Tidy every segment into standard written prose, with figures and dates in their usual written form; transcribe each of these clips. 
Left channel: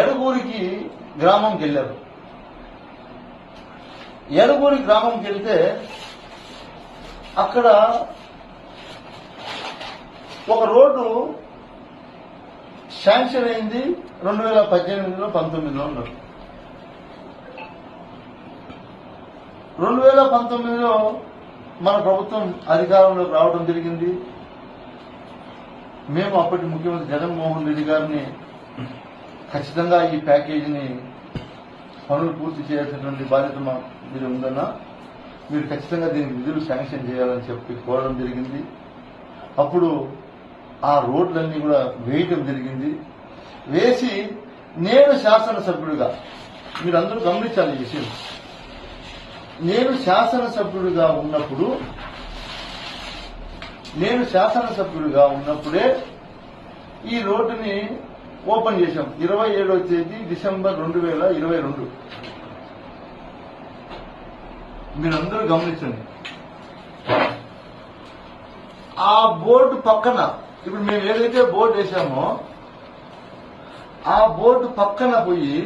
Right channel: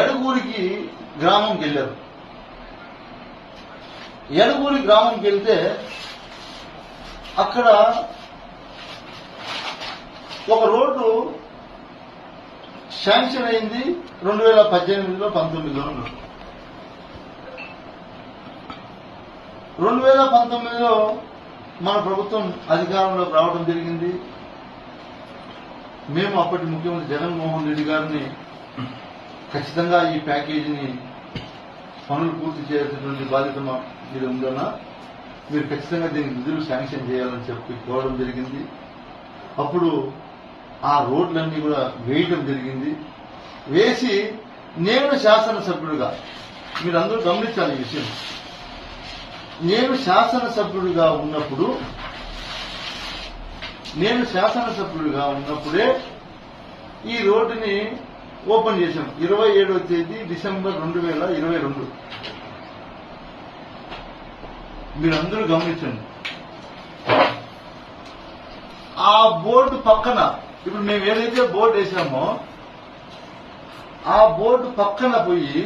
ఎడగూరికి గ్రామంకి వెళ్ళారు. ఎడగూరి గ్రామంకి వెళ్తే అక్కడ ఒక రోడ్డు శాంక్షన్ అయింది 2018లో 19లో. 2019లో మన ప్రభుత్వం అధికారంలోకి రావడం జరిగింది. మేము అప్పటి ముఖ్యమంత్రి జగన్మోహన్ రెడ్డి గారిని ఖచ్చితంగా ఈ ప్యాకేజీని పనులు పూర్తి చేయాల్సినటువంటి బాధ్యత మా మీద ఉందన్నా, మీరు ఖచ్చితంగా దీనికి నిధులు శాంక్షన్ చేయాలని చెప్పి కోరడం జరిగింది. అప్పుడు ఆ రోడ్లన్నీ కూడా వేయటం జరిగింది. వేసి నేను శాసనసభ్యుడిగా, మీరందరూ గమనించాలి ఈ విషయం, నేను శాసనసభ్యుడిగా ఉన్నప్పుడే ఈ రోడ్డుని ఓపెన్ చేశాం. 27వ తేదీ డిసెంబర్ 2022. మీరందరూ గమనించండి. ఆ బోర్డు పక్కన, ఇప్పుడు మేము ఏదైతే బోర్డు వేసామో ఆ బోర్డు పక్కన పోయి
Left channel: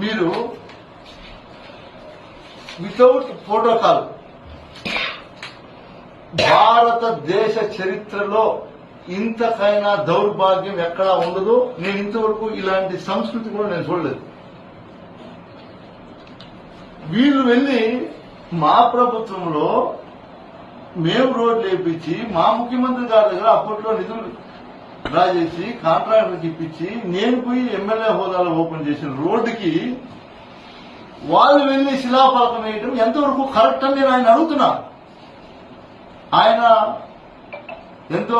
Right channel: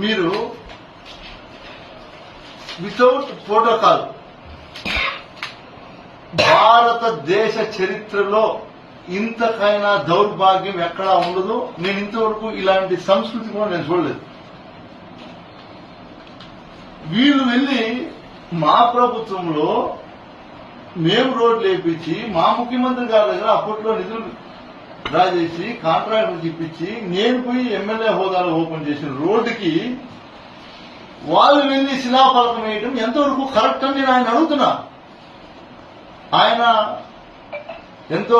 మీరు వితౌట్ ప్రోటోకాల్, భారతదేశ చరిత్రలో ఇంతకైనా దౌర్భాగ్యం ఎక్కడా ఉండదు. నేను ఇంతవరకు ఇలాంటి సంస్కృతి కూడా నేను చూడలేదు. వీళ్ళు వెళ్లి మా ప్రభుత్వంలో మేము రోడ్లు వేయించి మా ముఖ్యమంత్రి గారి దగ్గర అప్పట్లో నిధులు డ్రా చేసి కాంట్రాక్టర్ ఇప్పించి నేను పోయి ఎమ్మెల్యే హోదాలో ఓపెన్ చేసిన రోడ్డుకి వాళ్ళు వెళ్లి శిలాఫలకం వేయడం ఎంతవరకు కరెక్ట్ అని నేను ఆయన అడుగుతున్నా. ఆయన ఎంతో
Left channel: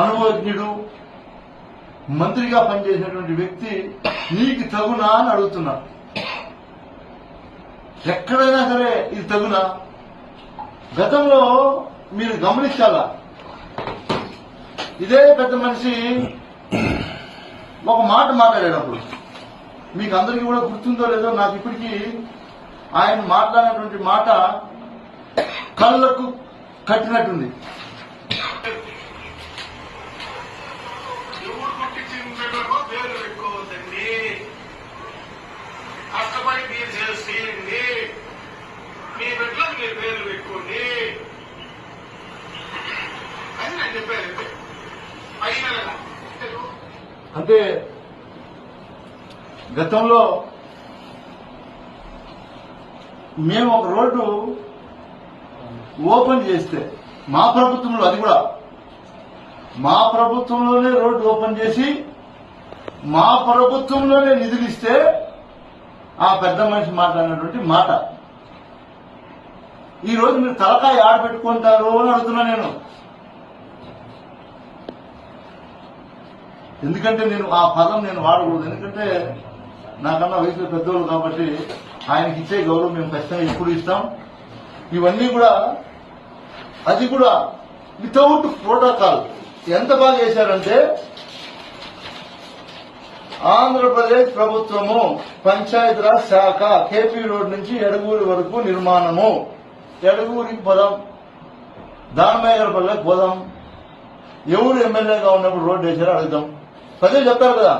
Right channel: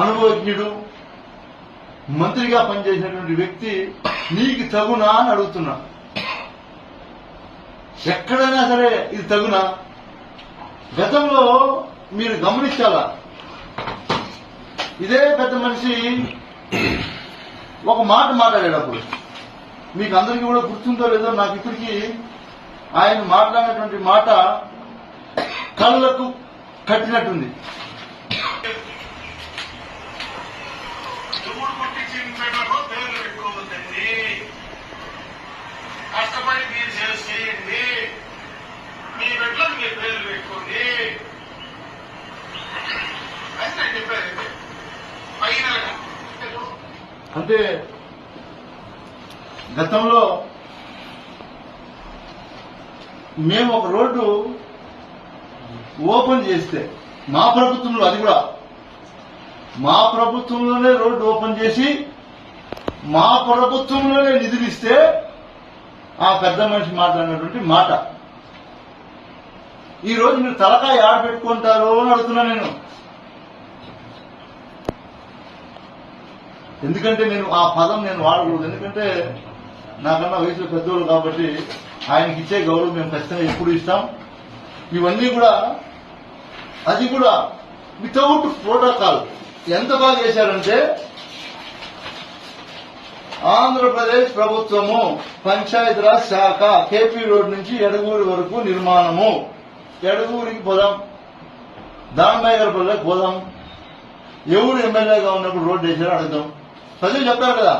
అనుభవజ్ఞుడు, మంత్రిగా పనిచేసినటువంటి వ్యక్తి, నీకు తగునా అని అడుగుతున్నా. ఎక్కడైనా సరే ఇది తగునా? గతంలో మీరు గమనించాలా, ఇదే పెద్ద మనిషి ఒక మాట మాట్లాడేటప్పుడు, మీకు అందరికీ కూడా గుర్తుందో లేదో నాకు ఇప్పటికీ ఆయన మాట్లాడినటువంటి మాట కళ్ళకు కట్టినట్టుంది. కష్టపడి మీరు చేయండి, మీ బిడ్డలకు మీరు పేర్లు పెట్టుకోండి అని నేను చెప్పాను. అంటే గతంలో మేము ఒక రోడ్డు ఓపెన్ చేస్తే మా ప్రభుత్వంలో, అది కూడా మా ప్రభుత్వంలోనే రోడ్డు ఓపెన్ చేసి మా ప్రభుత్వంలోనే నిధులు ఇస్తే ఆ పెద్ద మనిషి మాట్లాడినటువంటి మాట ఈ రోజు మీరు తలకాయ ఆడ పెట్టుకుంటారు అని అడుగుతున్నా నేను. ఎందుకంటే నేను ఆ పదం నేను వాడకూడదు, ఎందుకంటే నాకన్నా వయసులో పెద్దోళ్ళు కాబట్టి ఆయనకి ఇచ్చే గౌరవం మేము ఖచ్చితంగా ఎప్పుడు ఇస్తాం. ఇవన్నీ కూడా, అది కూడా వితౌట్ ప్రోటోకాల్. ఎంత బాగా చేశారంటే, ఆంధ్రప్రదేశ్ ప్రభుత్వము పంచాయతీరాజ్ శాఖ కేపీ రోడ్ నుంచి ఎడగూరి వరకు నిర్మాణము. ఎడగూరికి పోదాం, దానమయ్య గారి పల్లెకి పోదాం, ఎవరు ఎమ్మెల్యేగా ఉన్నప్పుడు రోడ్డు వేసారో అడుగుదాం. ప్రజలు చెప్పారు కదా,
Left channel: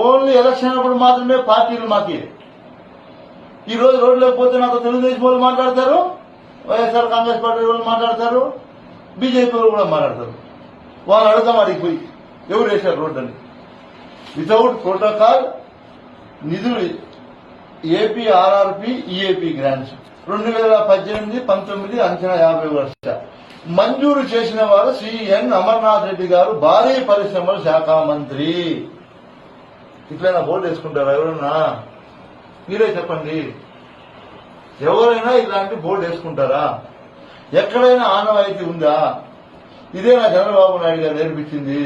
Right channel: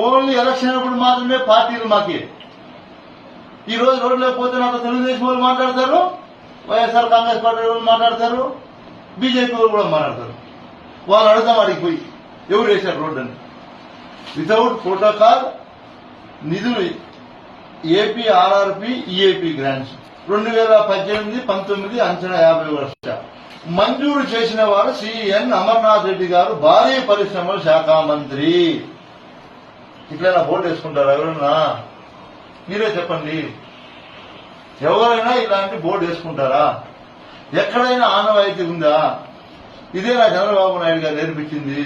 ఓన్లీ ఎలక్షన్ అప్పుడు మాత్రమే పార్టీలు మాకి. ఈ రోజు రోడ్డు లేకపోతే నాతో తెలుగుదేశం వాళ్ళు మాట్లాడతారు, వైఎస్ఆర్ కాంగ్రెస్ పార్టీ వాళ్ళు మాట్లాడతారు, బీజేపీ వాళ్ళు కూడా మాట్లాడతారు. వాళ్ళు అడుగుతాం అడిగిపోయి ఎవరు వేశారు రోడ్డు అని. వితౌట్ ప్రోటోకాల్ నిధులు ఏపీ ఆర్ఆర్పి ఈఏపీ గ్రాంట్స్ 2018-19 అంచనా 50 లక్షలు మంజూరు చేసిన వారు సిఎన్ అమర్నాథ్ రెడ్డి గారు, భారీ పరిశ్రమల శాఖ మంత్రి. ఇట్లా బోర్డు వేసుకుంటారా ఎవరన్నా? మీరే చెప్పండి, ఎవరైనా ఇలాంటి బోర్డు వేసుకుంటారా? ఎక్కడైనా ఆనవాయితీ ఉందా? ఇదే నా చంద్రబాబు నాయుడు గారు నేర్పించింది.